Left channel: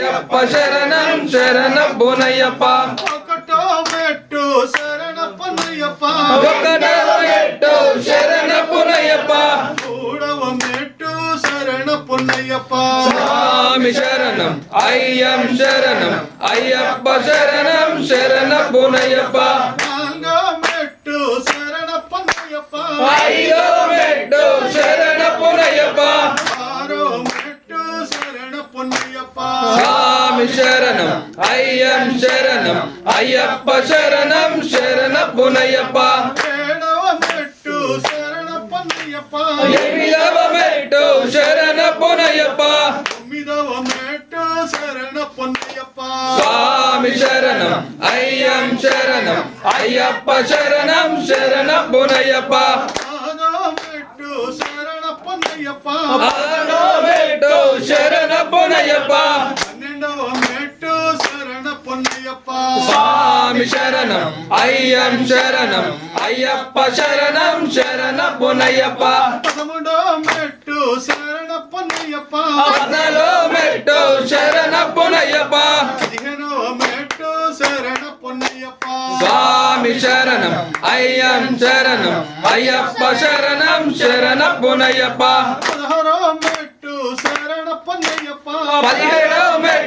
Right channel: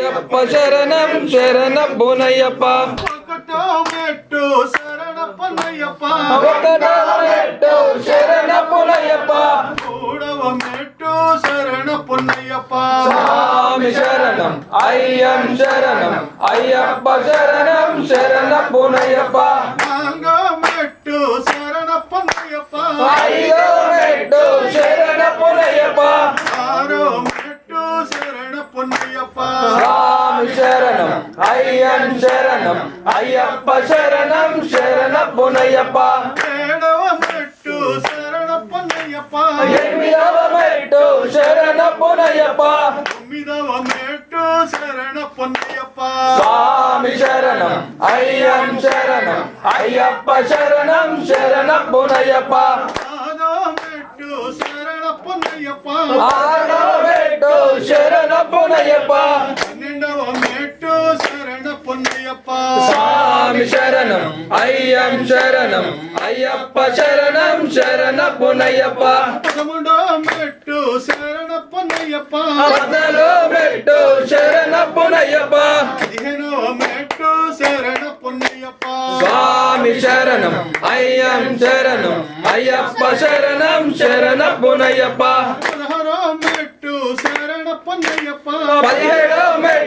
అయ్యప్ప శరణం శరణబ్బునయ్యప్ప ఒకటో మెట్టు శరణప్పన్నయ్యప్ప ఒకటో మెట్టు శరణబ్బునయ్యప్ప మూడవ మెట్టు శరణప్పన్నయ్యప్ప స్వామి శరణం అయ్యం శరణం అయ్యప్ప శరణం శరణబ్బునయ్యప్ప నాలుగో మెట్టు శరణప్పన్నయ్యప్ప ఐదో మెట్టు శరణబ్బునయ్యప్ప ఆరో మెట్టు శరణప్పన్నయ్యప్ప స్వామి శరణం అయ్యం శరణం అయ్యప్ప శరణం శరణబ్బునయ్యప్ప ఏడవ మెట్టు శరణప్పన్నయ్యప్ప ఎనిమిదవ మెట్టు శరణబ్బునయ్యప్ప తొమ్మిదవ మెట్టు శరణప్పన్నయ్యప్ప స్వామి శరణం అయ్యం శరణం అయ్యప్ప శరణం శరణబ్బునయ్యప్ప ఆరో మెట్టు శరణప్పన్నయ్యప్ప ఆరో మెట్టు శరణబ్బునయ్యప్ప పన్నెండవ మెట్టు శరణప్పన్నయ్యప్ప స్వామి శరణం అయ్యం శరణం అయ్యప్ప శరణం శరణబ్బునయ్యప్ప పదమూడవ మెట్టు శరణప్పన్నయ్యప్ప పదలో మెట్టు శరణబ్బునయ్యప్ప పదిహేనవ మెట్టు శరణప్పన్నయ్యప్ప స్వామి శరణం అయ్యం శరణం అయ్యప్ప శరణం శరణబ్బునయ్యప్ప పదహారవ మెట్టు శరణప్పన్నయ్యప్ప పదిహేడవ మెట్టు